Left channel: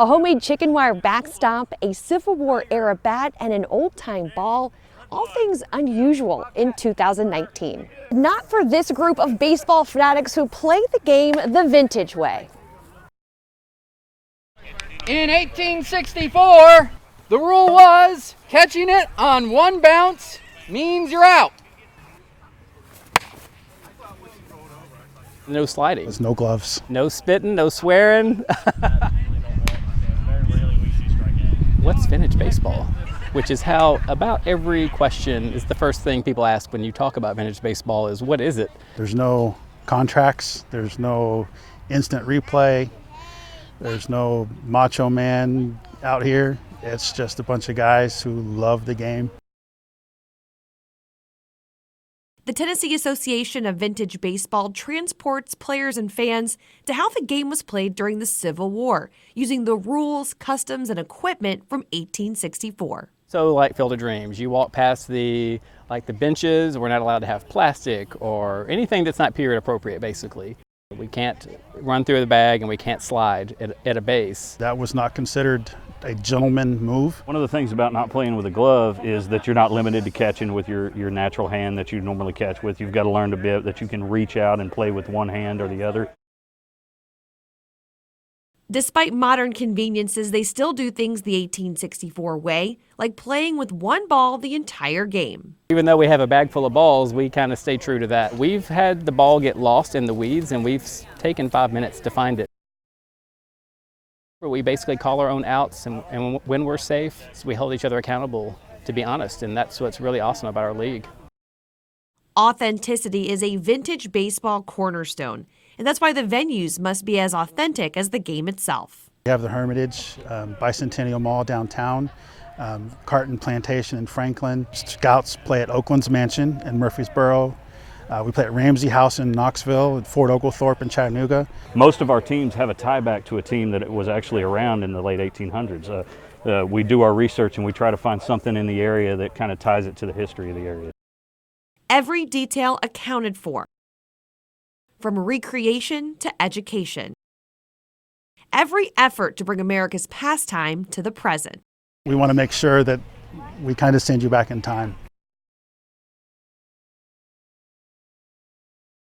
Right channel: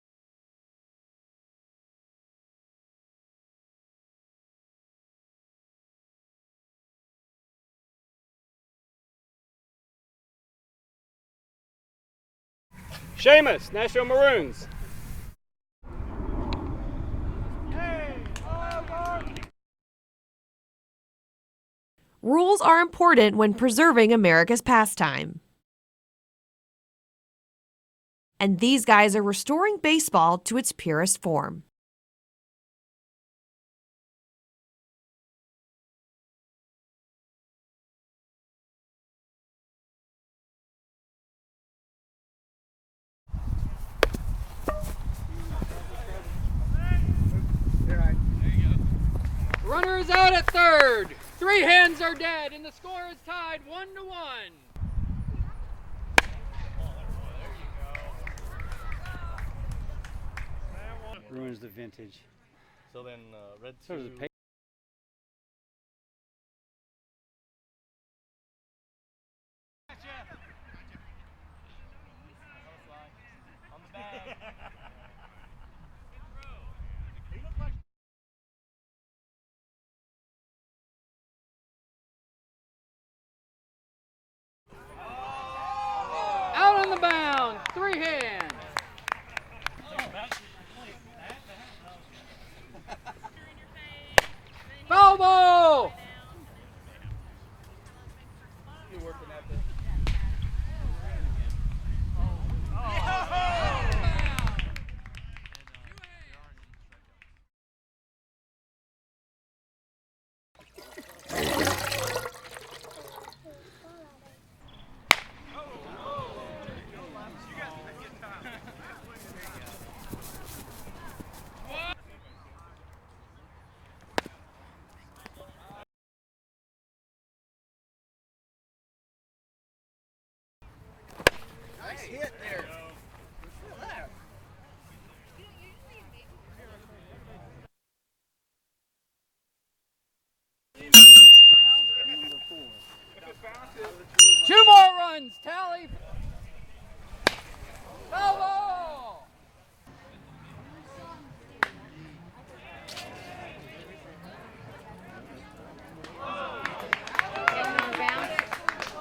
A homemade chicken wire backstop, a Civil War era bat, and an old-time ball. All things unusual in 2019. Not for this group of baseball fanatics who play the game the vintage way. Seamus, Nashville Maroons. In 1864, the rule was catching it on one bounce means you're out. Rules are important when preserving America's pastime. No sliding. There's no gloves. No spitting, no swearing. And these guys are restoring baseball to its purest form. What's vintage baseball? Which is how about every question is the first thing people ask when you talk about vintage baseball is, what is it? There's no contracts. There's no instant replay. There's no macho man out here. It's just a bunch of guys who love the game. Runner is out at third. 3 hands are dead. The Tennessee Association of Vintage Baseball transports players and fans to how the game was played during the Civil War, using the rules, customs, and equipment from 1864. So like Field of Dreams, you walk past the benches, we're not allowed to have plastic or anything that's not period appropriate, basically. We can't run through the bag and we can't slide at a base. That was not considered a gentleman move. One of the things about not playing with a glove is that you're not limited to catching with your natural hand that you normally catch with. You've got to learn to be that you can reach out and play with one hand or the other. Out on the mound, 3 hands. Despite modern conveniences, they still do things the 1864 way, like playing with one ball the entire game. Even though we have a bag full of balls, we kind of stay true to that. We've had the ball get lost in the weeds and we've taken 5 minutes to find it. We basically call our own outs, and when we're safe, we hold each other accountable, to be honest, and that's what's really awesome about our league. Authenticity is a vintage baseball cornerstone, and that's why the venues must be as authentic as the game itself. We have the Hermitage, Bicentennial Mall downtown, Carton Plantation in Franklin. Scouts play at Oakland's Mansion in Murfreesboro. We play at Ramsey House in Knoxville, at Fort Oglethorpe in Chattanooga. Most of our teams have a tie back to a team that was actually around in the late 1800s. We do our research and we try to find something in the area that kind of ties it to the history of the area. Every detail accounted for, 2 more from runs. recreation to education. Every effort to bring America's pastime to the present. We want to make sure that we kind of send you back in time.